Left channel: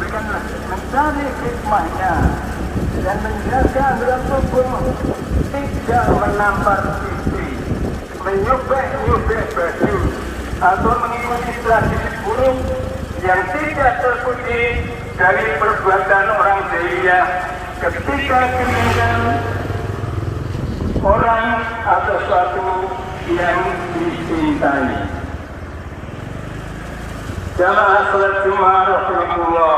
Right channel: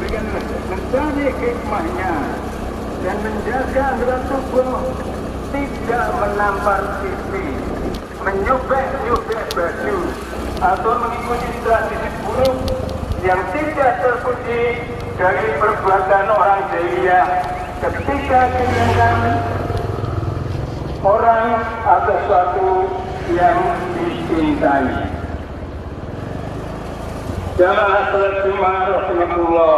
mencari hikmahnya dan menjaga agar tubuh tidak menampar sisi, menyubek-nyubek baju atau mengikuti tradisi buruk yang tidak terpuji dari perbuatan orang jahiliyah ketika kemudian orang atau suatu yang dicintai. Jamaah salat Jumat rahimakumullah.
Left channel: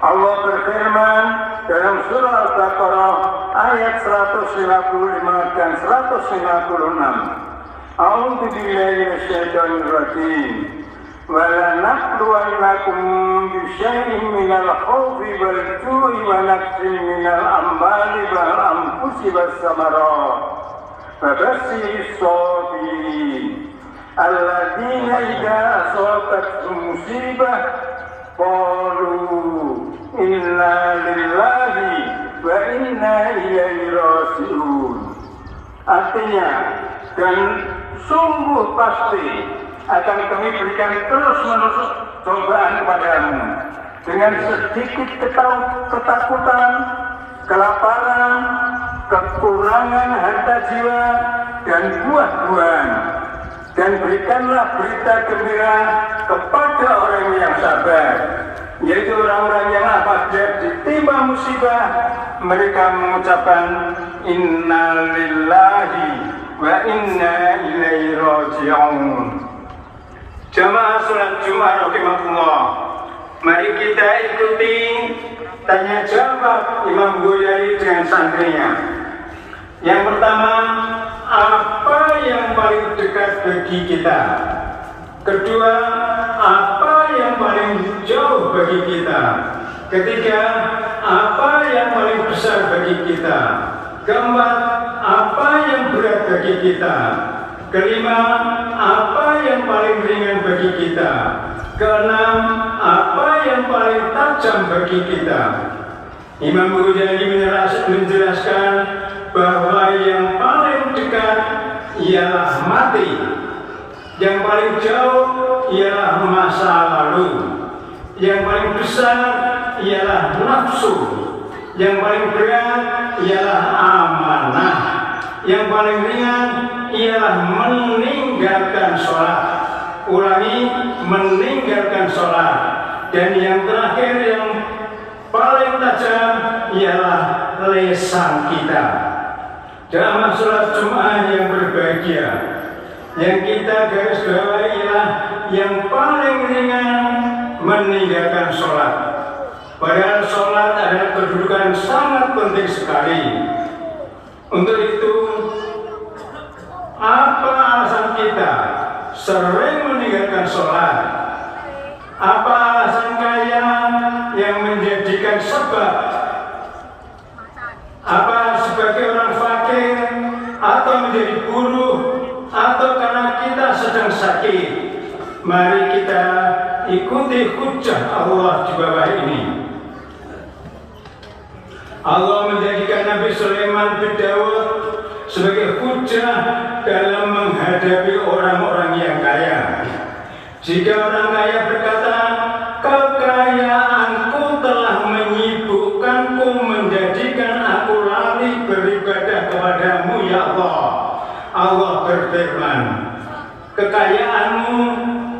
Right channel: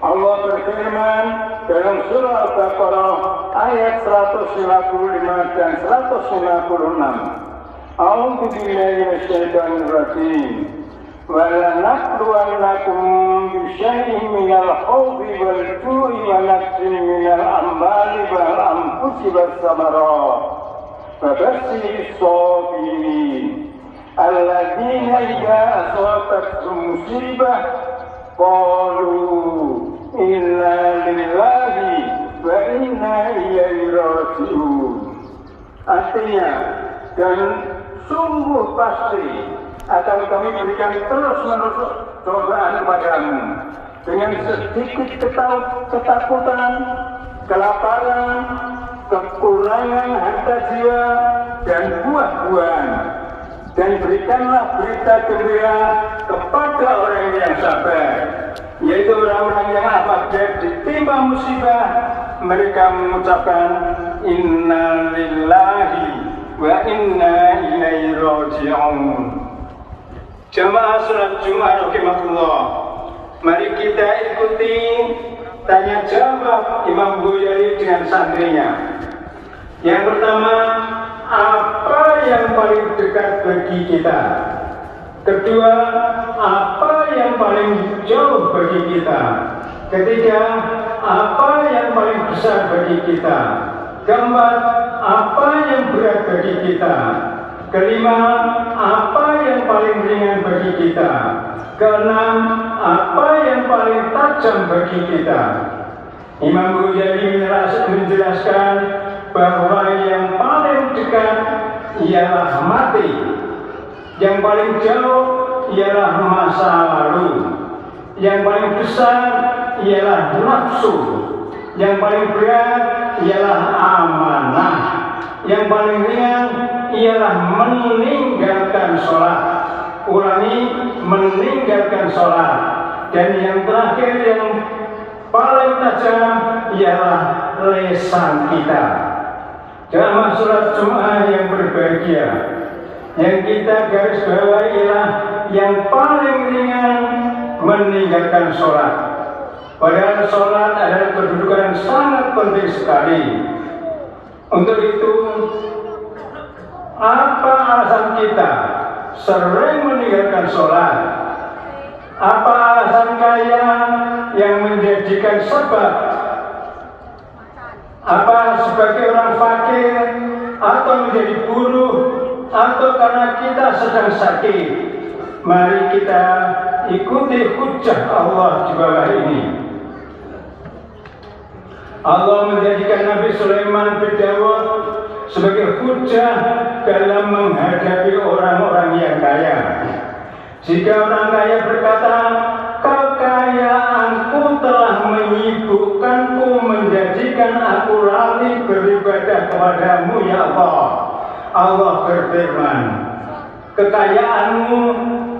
Allah berfirman dalam surah Al-Baqarah ayat 155 dan 156. A'udzu billahi minasyaitonir rajim. Wa lanabluwannakum bisyai'in minal khawfi wal ju'i wa naqsin minal amwali wal anfusi was samarat. Fabashshiris sabirin. Alladzina idza asabatuhum musibah qalu inna lillahi wa inna ilaihi raji'un. Artinya, dan sungguh pasti akan kami berikan terus-menerus cobaan kepadamu dengan sedikit ketakutan, kelaparan, kekurangan harta jiwa dan buah-buahan. Dan berikanlah berita gembira kepada orang yang sabar, yaitu orang-orang yang apabila ditimpa musibah mereka mengucapkan inna lillahi wa inna ilaihi raji'un. Jamaah salat Jumat rahimakumullah, mari kita ikuti tanya jawab Imam Ghazali dengan santrinya. Yang pertama, apa yang paling dekat bagi kita? Kedua, apa yang paling jauh bagi kita? Ketiga, apa yang paling besar bagi kita? Keempat, apa yang berat bagi kita? Kelima, apa yang paling ringan bagi kita? Keenam, apa yang paling tajam bagi kita? Imam Ghazali menjelaskan bahwa yang paling dekat ialah mati, yang paling jauh ialah masa lalu, yang paling besar ialah nafsu, yang paling berat ialah amanah, yang paling ringan ialah meninggalkan sholat. Ulangi, meninggalkan sholat. Dan yang terakhir yang paling tajam ialah lisan kita. Jamaah salat Jumat yang berbahagia, yang kita garis bawahi ialah yang paling ringan meninggalkan sholat. Padahal sholat adalah kedudukan sangat penting sekali. Untuk itu, apa alasan kita sering meninggalkan sholat? Apa alasan kaya yang menjadikan sebab? Apa sebagai orang fakir, atau menjadi buruh, atau karena kita sedang sakit? Mari kita ikuti hujjah Allah di bawah ini. Allah menjadikan Nabi Sulaiman bin Dawud sebagai hujjah dalam menghadapi orang-orang yang kaya. Jika orang kaya berkata, kekayaanku telah menyibukkanku, menjadikan aku lali beribadah kepadamu ya Allah. Allah berfirman, kekayaanmu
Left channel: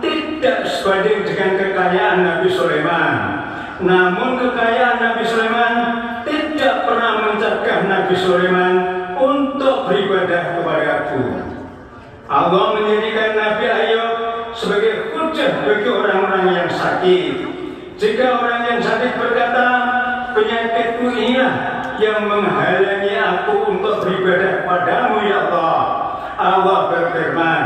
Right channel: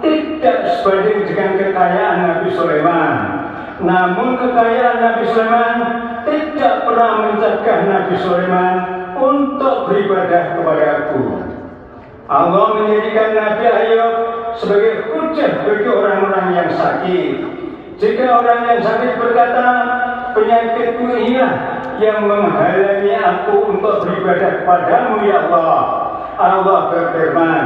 tidak sebanding dengan kekayaan Nabi Sulaiman. Namun kekayaan Nabi Sulaiman tidak pernah mencegah Nabi Sulaiman untuk beribadah kepadaku. Allah menjadikan Nabi Ayub sebagai hujjah bagi orang-orang yang sakit. Jika orang yang sakit berkata, penyakitku inilah yang menghalangi aku untuk beribadah kepadamu ya Allah. Allah berfirman,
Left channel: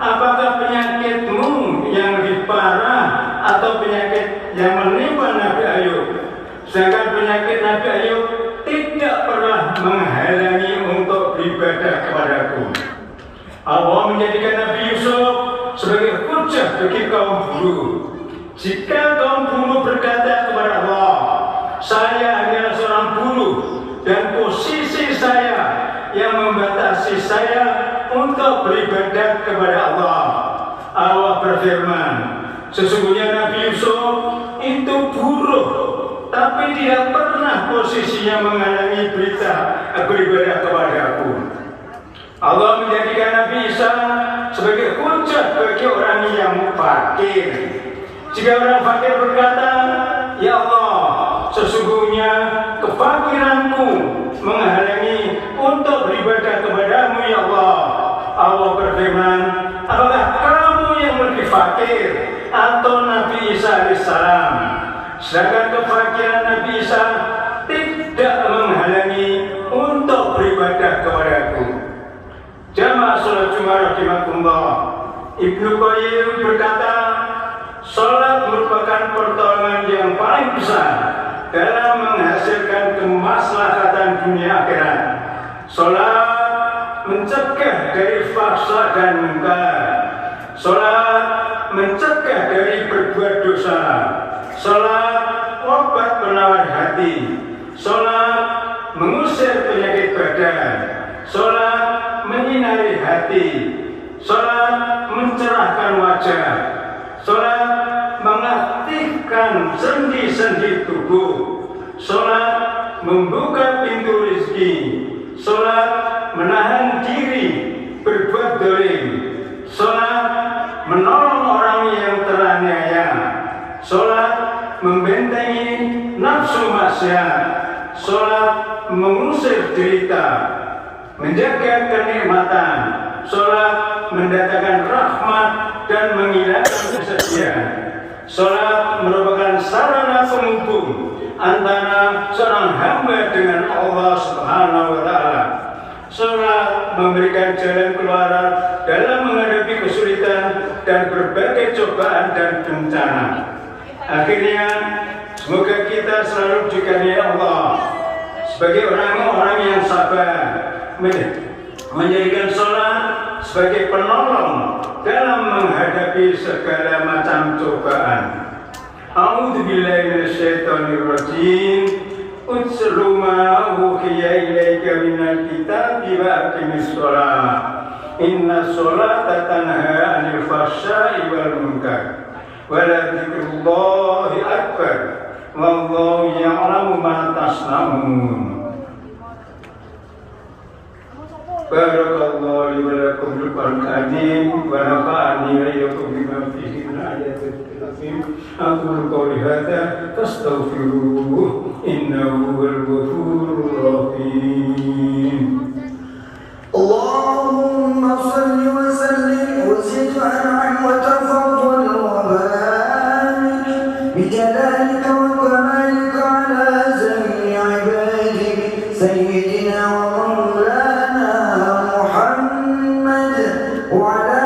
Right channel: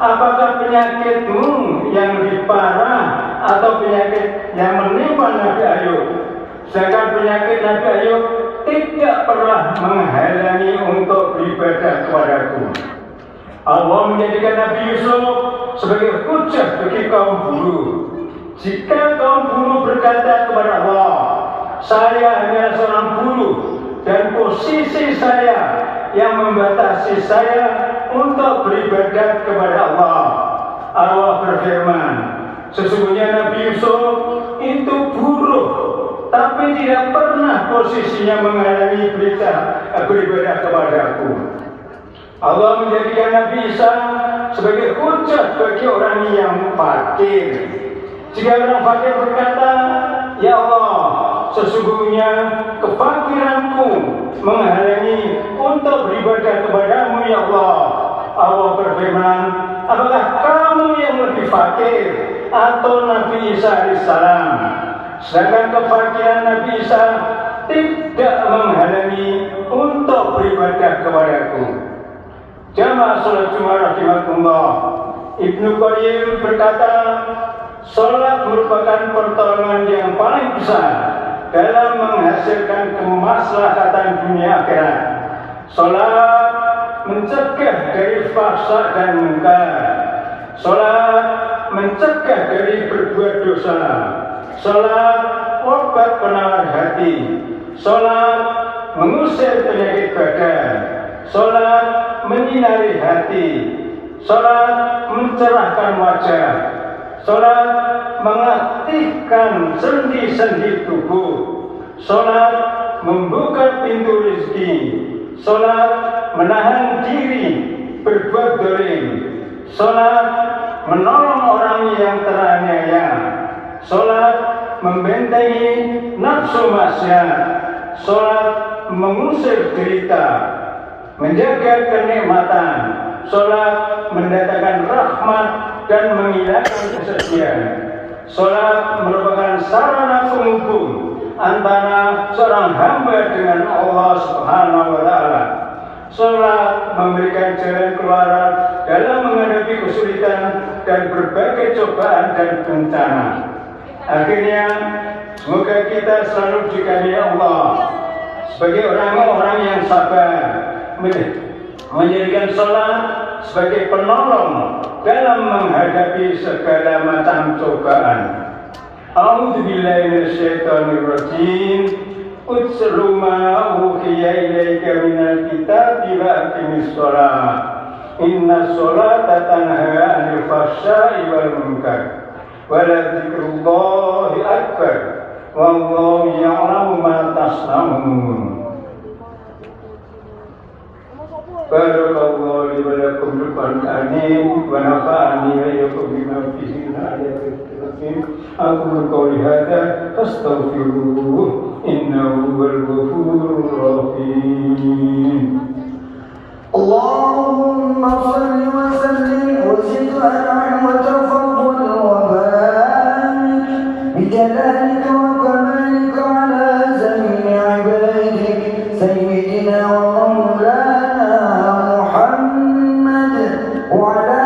apakah penyakitmu yang lebih parah atau penyakit yang menimpa Nabi Ayub? Sedangkan penyakit Nabi Ayub tidak pernah menghalangi untuk beribadah kepadaku. Allah menjadikan Nabi Yusuf sebagai hujjah bagi kaum buruh. Jika kaum buruh berkata kepada Allah, saya adalah seorang buruh dan posisi saya yang membatasi saya untuk beribadah kepada Allah. Allah berfirman, sesungguhnya Nabi Yusuf itu buruk, tapi tidak pernah posisinya menghalangi beribadah kepadaku. Allah menjadikan Nabi Isa sebagai hujah bagi orang yang fakir. Jika orang fakir berkata, "Ya Allah, sesungguhnya kefakiranku menghalangi untuk beribadah kepadamu, ya Allah." Allah berfirman, "Apakah kamu yang lebih fakir atau Nabi Isa alaihissalam?" Sedangkan kefakiran Nabi Isa tidak menghalangi untuk beribadah kepadaku. Jamaah salat Jumat rahimakumullah, Ibnu Qayyim berkata, salat merupakan pertolongan yang paling besar dalam menghasilkan kemaslahatan dunia akhirat. Salat mencegah dari fahsya dan munkar. Salat mencegah dari berbuat dosa. Salat obat penawar hati. Salat mengusir penyakit badan. Salat menyinari hati. Salat mencerahkan wajah. Salat mengaktifkan sendi-sendi tubuh. Salat membuka pintu rezeki. Salat menahan diri berbuat dolim. Salat menolong orang yang teraniaya. Salat membentengi nafsu maksiat. Salat mengusir derita, menjaga kenikmatan. Salat mendatangkan rahmat dan menghilangkan kesedihan. Salat merupakan sarana penghubung antara seorang hamba dengan Allah Subhanahu wa Ta'ala. Salat memberikan jalan keluar dalam menghadapi kesulitan dan berbagai cobaan dan bencana. Akhirnya, semoga kita selalu dikaruniai Allah sebagai orang-orang yang sabar, menjadikan salat sebagai penolong dalam menghadapi segala macam cobaan. A'udzubillahi minasyaitonirrajim. Utslu ma uhiya ilaika minal kitabi wa aqimis shalah. Inna sholata tanha 'anil fahsya'i wal munkar. Wa la dzikrullahi akbar. Wallahu ya'lamu ma tasna'un. Barakallahu li wa lakum bil Qur'anil wa nafa'ani wa iyyakum bima fihi min ayatil hakim. Aqulu qawli hadza fastaghfiruhu innahu huwal ghafurur rahim. Allahumma shalli wa sallim wa zid wa an'im wa tafaddal wa barik bi jalalika wa kamalika ala zammi ibadik sayyidina wa maulana Muhammad wa ala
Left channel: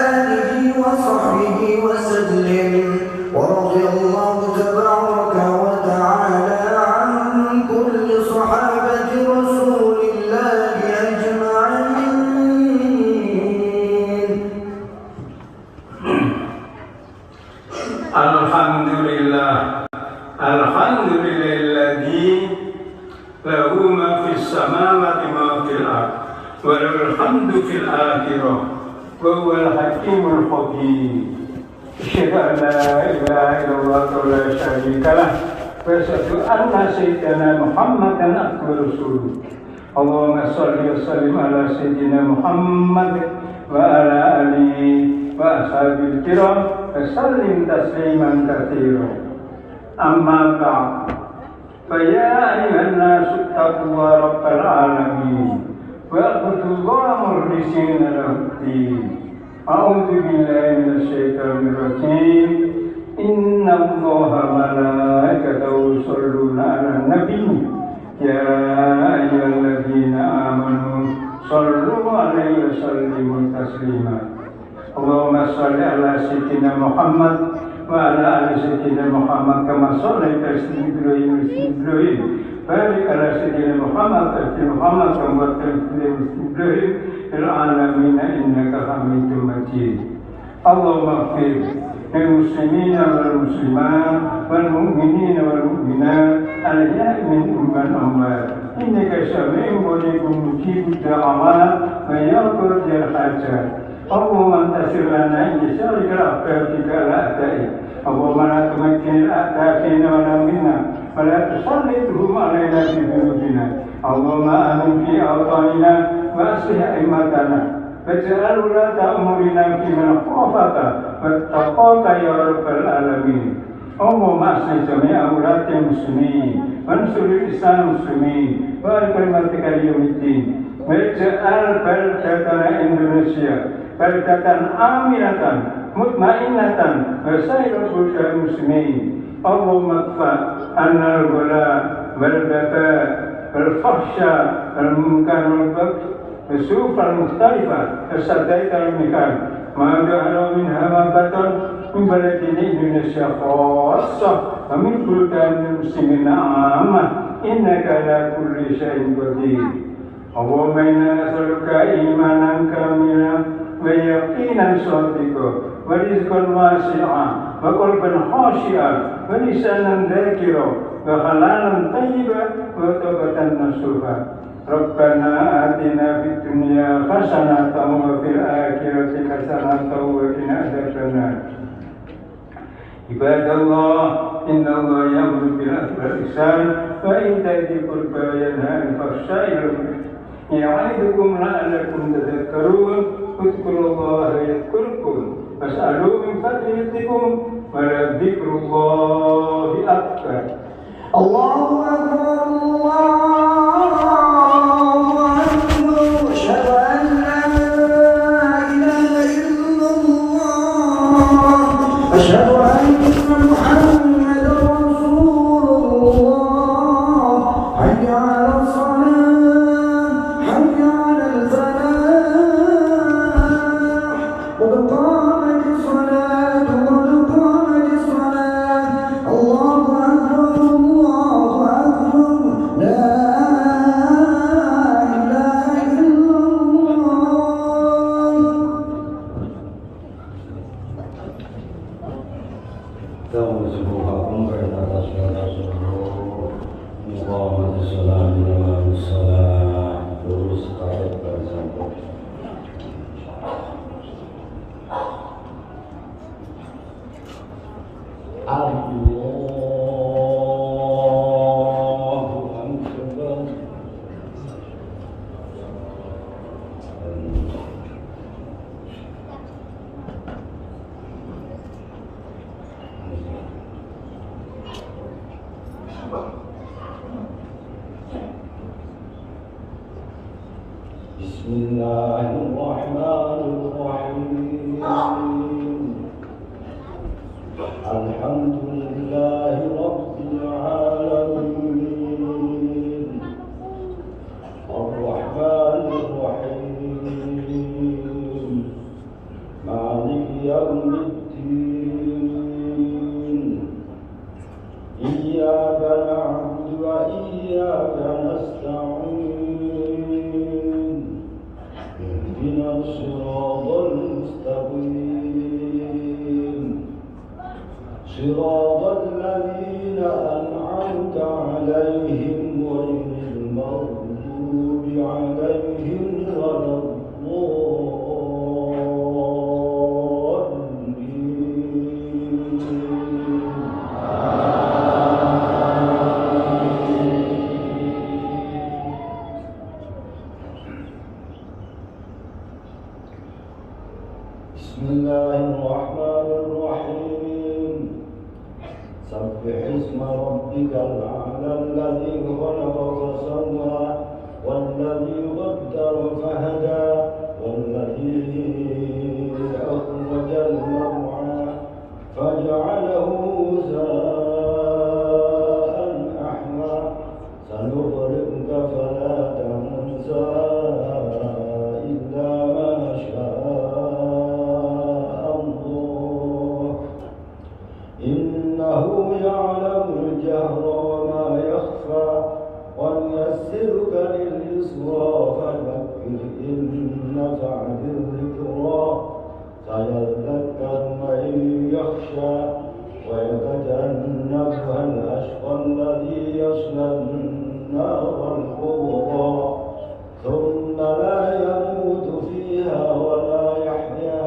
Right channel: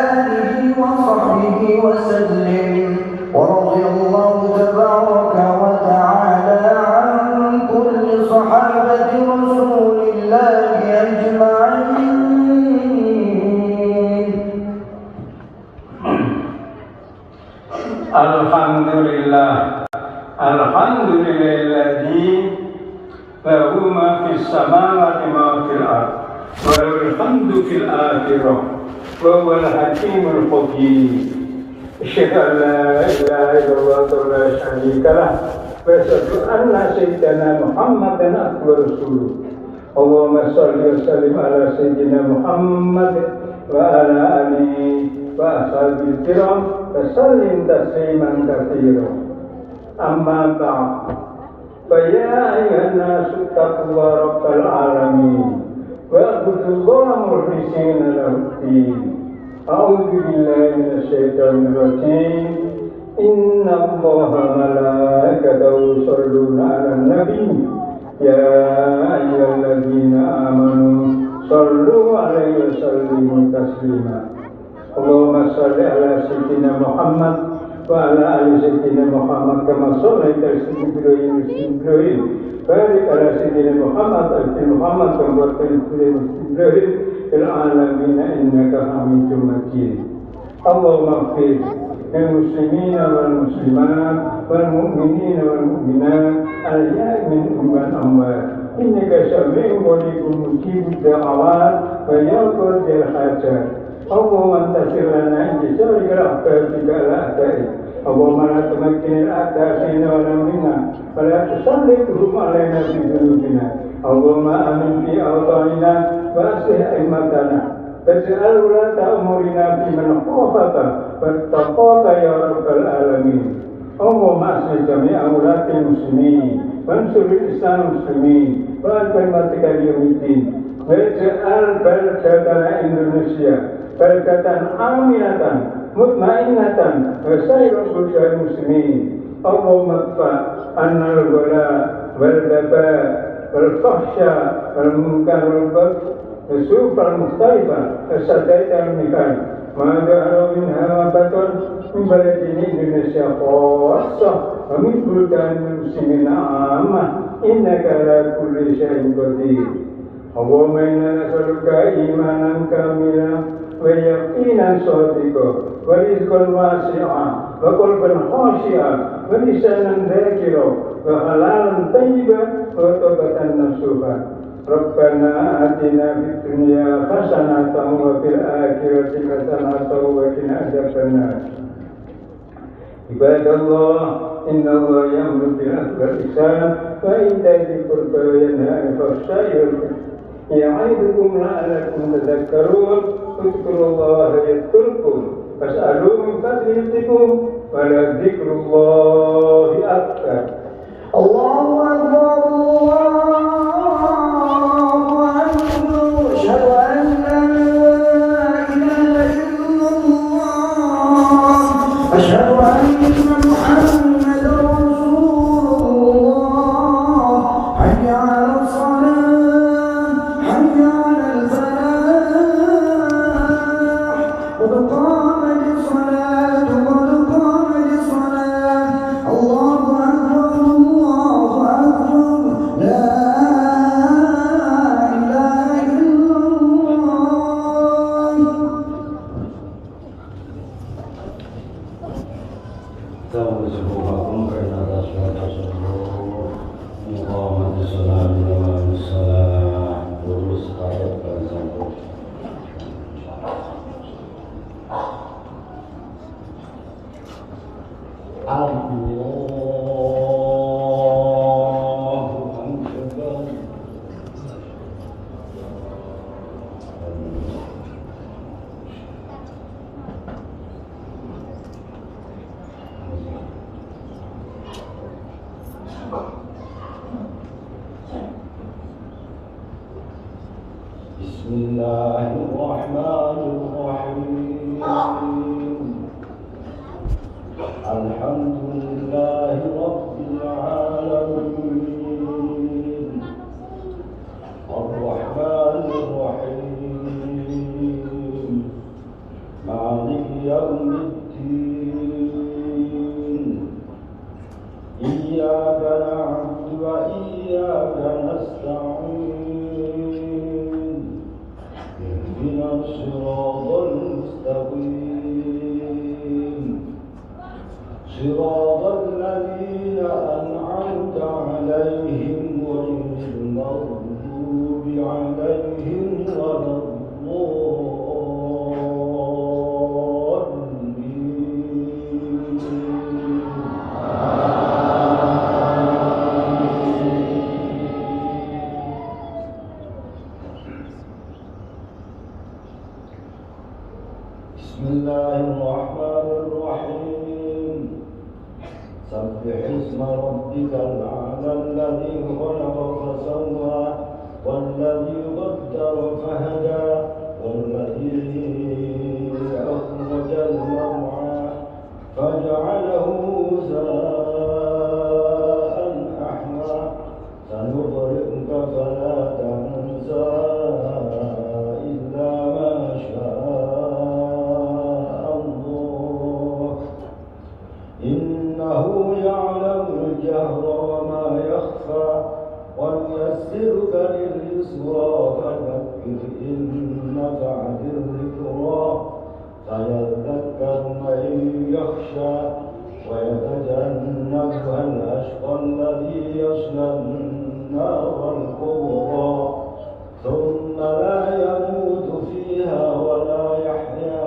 alihi wa sahbihi wa sallim wa radiyallahu tabaraka wa ta'ala an kulli sahabati rasulillahi ajma'in. Alhamdulillah, alhamdulillahilladzi lahu ma fis samawati ma fil ard wa lahul hamdu fil akhirah wa huwal hakimul khabir. Asyhadu an la ilaha illallah wa la syarika lah wa asyhadu anna sayyidana Muhammadan abduhu wa rasuluh. Allahumma shalli wa sallim ala sayyidina Muhammad wa ala alihi wa ashabihi kiram wa sallim tasliman katsiran. Amma ba'd. Fa ya ayyuhan nasu taqullaha rabbal alamin wa abudullaha mukhlishina lahu-d-din. A'udzu billahi minasyaitonir rajim. Innallaha malaikatahu yusholluna 'alan nabi. Ya ayyuhalladzina amanu shallu 'alaihi wa sallimu taslima. Allahumma shalli ala sayyidina Muhammad wa ala ali sayyidina Muhammad kama shallaita ala Ibrahim wa Ibrahim. Barik ala sayyidina Muhammad wa ala Muhammad kama barakta ala Ibrahim fil alamin innaka Hamidum Majid. Allahumma ighfir lil muslimina wal muslimat wal mu'minina wal mu'minat الأحياء منهم والأموات إنك سميع قريب مجيب الدعوات ويقضي الحاجات اللهم انتصر لنا إن شرك رحمتك الأعداء اللهم لا تمكن الأعداء فينا ولا منا ولا تسلطهم علينا بذنوبنا اللهم آمن في أوطاننا وأصلح أئمتنا واجعل ولاة أمورنا فيمن خافك واتقاك يا رب العالمين اللهم أصلح جميع ولاة المسلمين وانصر الإسلام المسلمين وكلمتك يوم الدين واجعل بلدتنا إندونيسيا بلدة آمنة مطمئنة وسائر بلدان المسلمين اللهم ادفع عنا البلاء والوباء والفحشاء والمنكر والبغي والسوء المختلفة والسدائد المكان ما ظهر منها ما بطن من بلدنا إندونيسيا خاصة ومن بلدان المسلمين عامة إنك على كل شيء قدير اللهم إنا نسألك إيمانا كاملا ويقينا صادقا ورزقا واسعا وقلبا خاشعا ولسانا ذاكرا وحلالا طيبا وتوبة نصوحا ربنا آتنا في الدنيا حسنة وفي الآخرة حسنة وقنا عذاب النار عباد الله إن الله يأمر بالعدل والإحسان وإيتاء ذي القربى وينهى عن الفحشاء والمنكر يعظكم لعلكم تذكرون اذكروا الله يذكركم فاسألوا من فضل رزقكم ولذكر الله أكبر الله أكبر الله أكبر أشهد أن لا إله إلا الله أشهد أن محمدا رسول الله حي على الصلاة حي على الفلاح قد قامت الصلاة قد قامت الصلاة الله أكبر الله أكبر لا إله إلا الله اللهم سبحانكم karena atas suatu Muhammad sallallahu alaihi wasallam terus ayat bersambung. Allahu Akbar. Bismillahirrahmanirrahim. Alhamdulillahi Rabbil Alamin. Ar-Rahmanir-Rahim. Maliki yawmiddin. Iyyaka na'budu wa iyyaka nasta'in. Ihdinas siratal mustaqim. صراط الذين أنعمت عليهم غير المغضوب عليهم ولا الضالين. بسم الله الرحمن الرحيم. سبح اسم ربك الأعلى الذي خلق فسوى والذي قدر فهدى والذي أخرج المرعى فجعله غثاء أحوى سنقرئك فلا تنسى إلا ما شاء الله إنه يعلم الجهر وما يخفى ونيسرك لليسرى فذكر إن نفعت الذكرى سيذكر من يخشى ويتجنبها الأشقى الذي يصلى النار الكبرى ثم لا يموت فيها ولا يحيا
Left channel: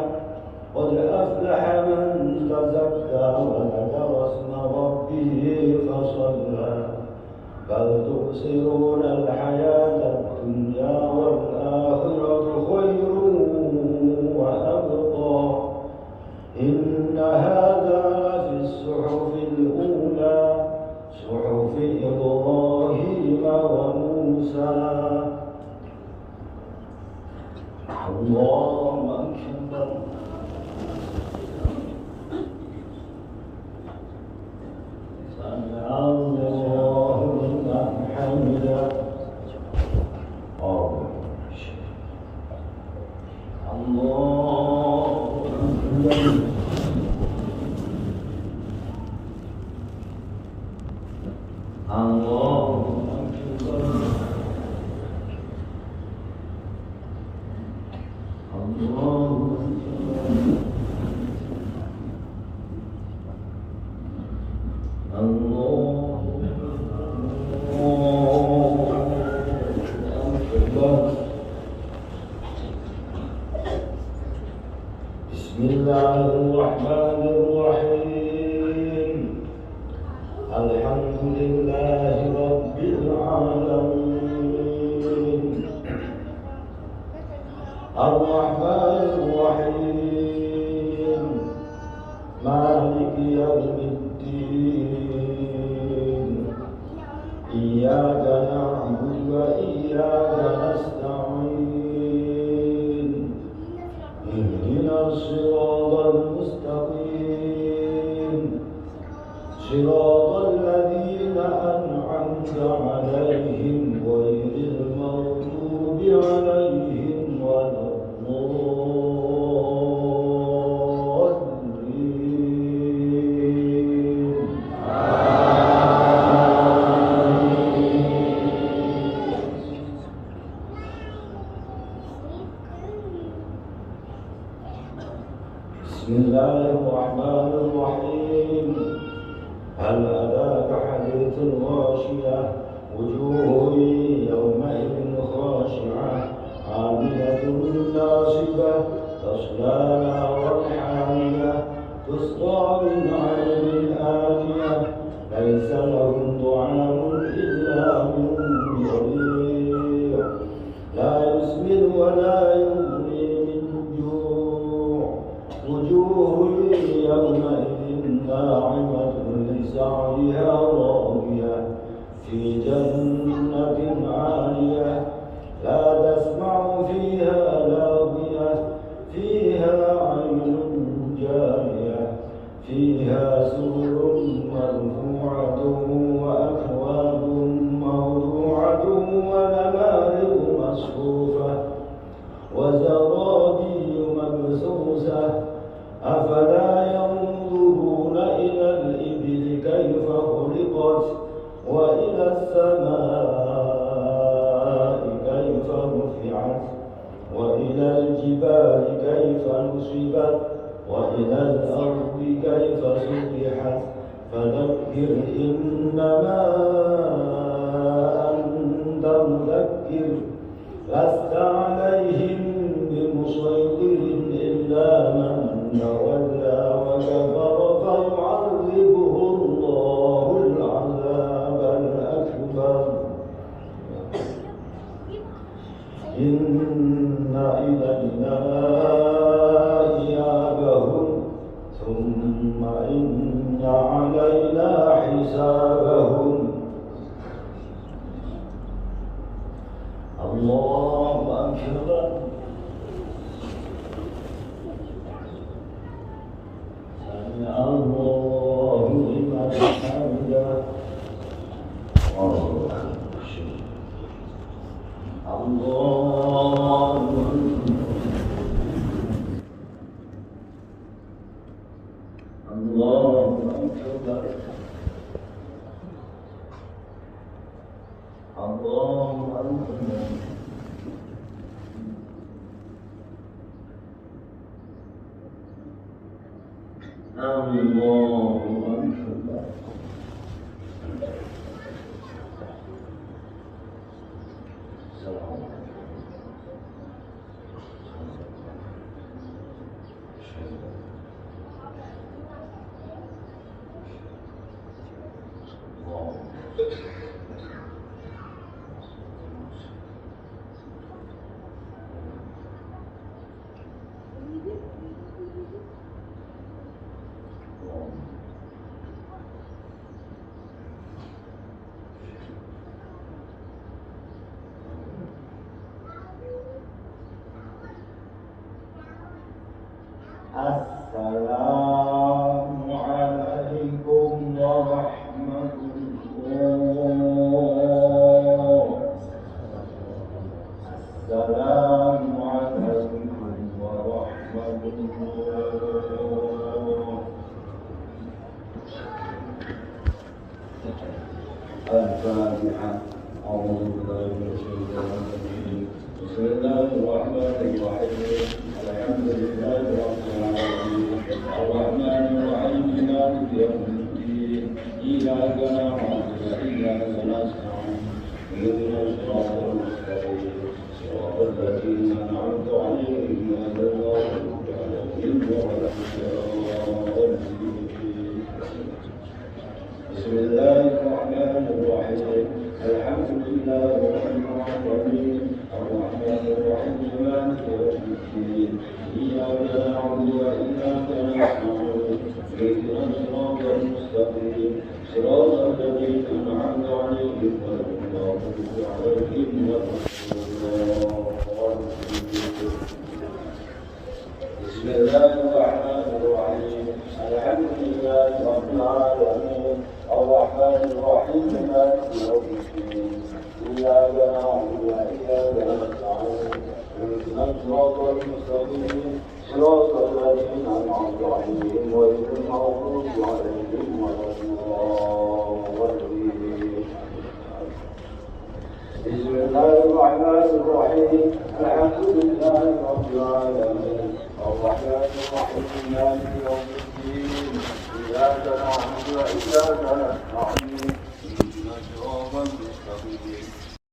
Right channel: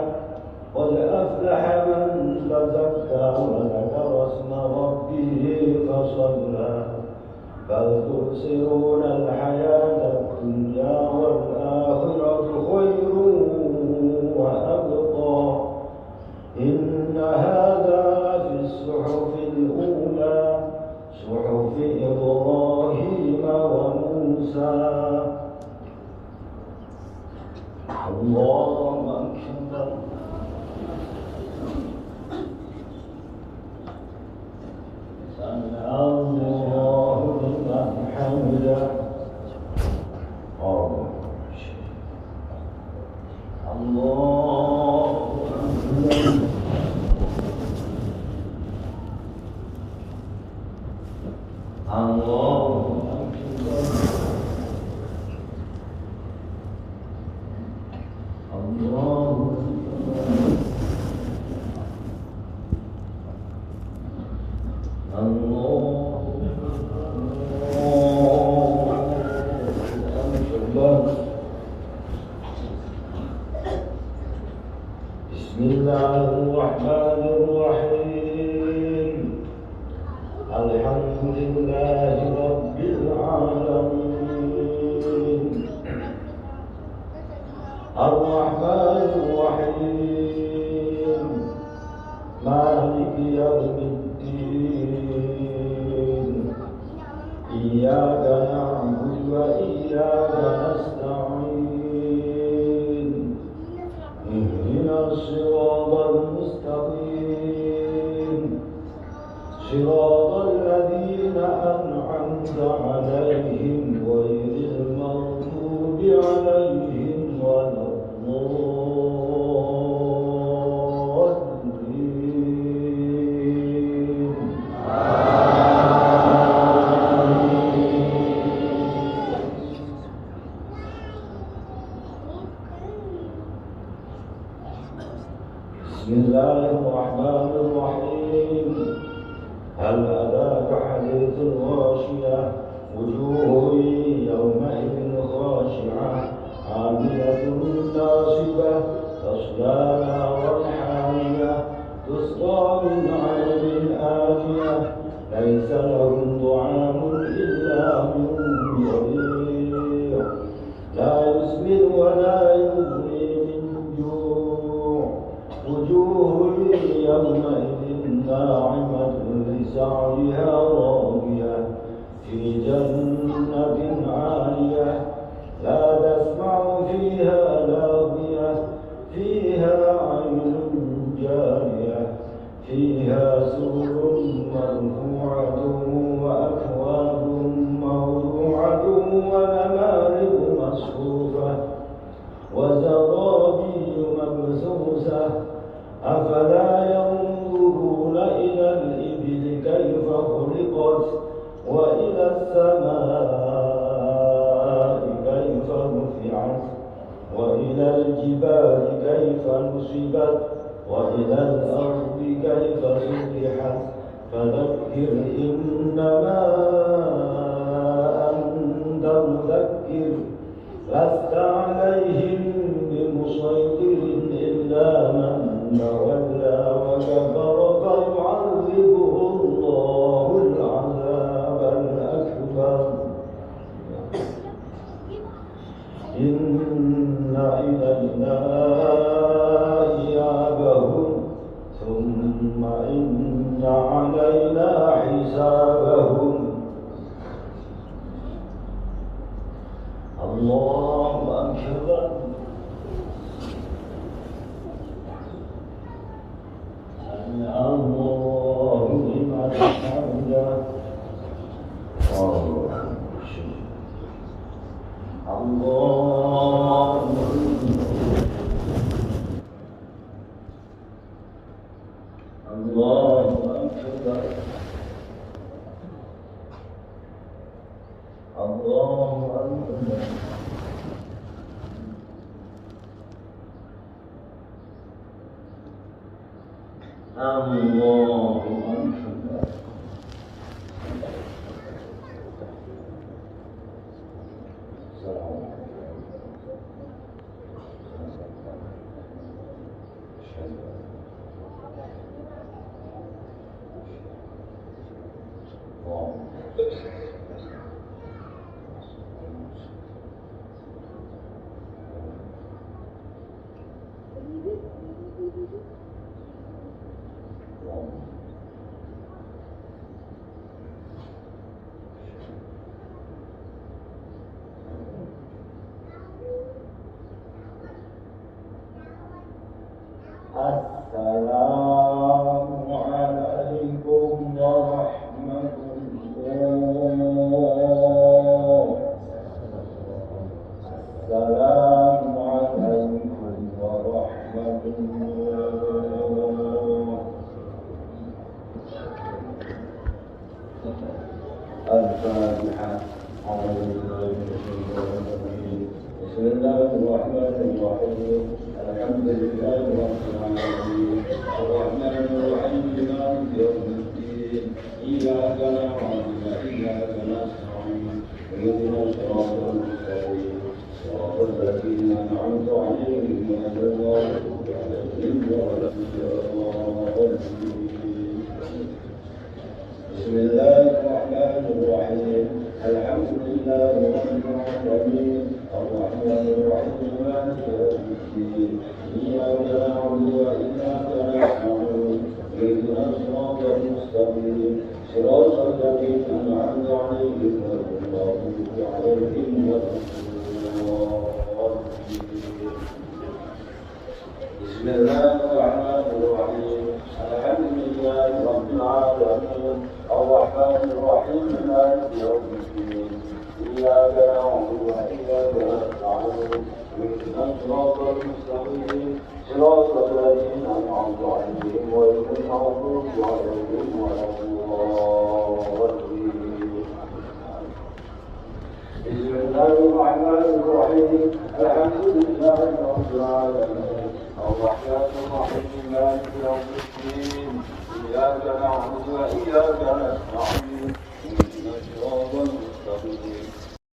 قد أفلح من تزكى وذكر اسم ربه فصلى بل تؤثرون الحياة الدنيا والآخرة خير وأبقى إن هذا لفي الصحف الأولى صحف إبراهيم وموسى. الله أكبر. سمع الله لمن حمده. الله بسم الله الرحمن الرحيم الحمد لله رب العالمين الرحمن الرحيم مالك يوم الدين إياك نعبد وإياك نستعين اهدنا الصراط المستقيم صراط الذين أنعمت عليهم غير المغضوب عليهم ولا الضالين. بسم الله الرحمن الرحيم هل أتاك حديث الغاشية وجوه يومئذ خاشعة عاملة ناصبة تصلى نارا حامية تسقى من عين آنية ليس لهم طعام إلا من ضريع لا يسمن ولا يغني من جوع وجوه يومئذ ناعمة لسعيها راضية في جنة عالية لا تسمع فيها لاغية فيها عين جارية فيها سرر مرفوعة وأكواب موضوعة ونمارق مصفوفة وزرابي مبثوثة أفلا ينظرون إلى الإبل كيف خلقت وإلى السماء كيف رفعت وإلى الجبال كيف نصبت وإلى الأرض كيف سطحت فذكر إنما أنت مذكر لست عليهم بمسيطر إلا من تولى وكفر فيعذبه الله العذاب الأكبر إن إلينا إيابهم ثم إن علينا حسابهم. الله أكبر. سمع الله لمن حمده. الله الله أكبر. الله أكبر. الله Assalamualaikum warahmatullahi. Assalamualaikum warahmatullahi. Al-Fatihah. Bismillahirrahmanirrahim. Alhamdulillahi rabbil alamin. Ar-Rahmanir Rahim. Maliki yaumiddin. Iyyaka na'budu wa iyyaka nasta'in. Ihdinas siratal mustaqim. Siratal ladzina an'amta 'alaihim ghairil maghdubi 'alaihim waladdallin. Bismillahirrahmanirrahim. Alhamdulillahi rabbil alamin. Ar-Rahmanir Rahim. Maliki yaumiddin. Iyyaka na'budu wa iyyaka nasta'in. Ihdinas siratal mustaqim. Siratal ladzina an'amta 'alaihim ghairil maghdubi 'alaihim waladdallin. Bismillahirrahmanirrahim. Alhamdulillahi rabbil alamin. Ar-Rahmanir Rahim. Maliki yaumiddin. Iyyaka na'budu wa iyyaka nasta'in. Ihdinas siratal mustaqim. Siratal ladzina an'amta 'alaihim ghairil maghdubi 'alaihim waladdallin. Bismillahirrahmanirrahim. Alhamdulillahi rabbil alamin. Ar-Rahmanir Rahim. Maliki yaumiddin. Iyyaka na'budu wa iyyaka nasta'in.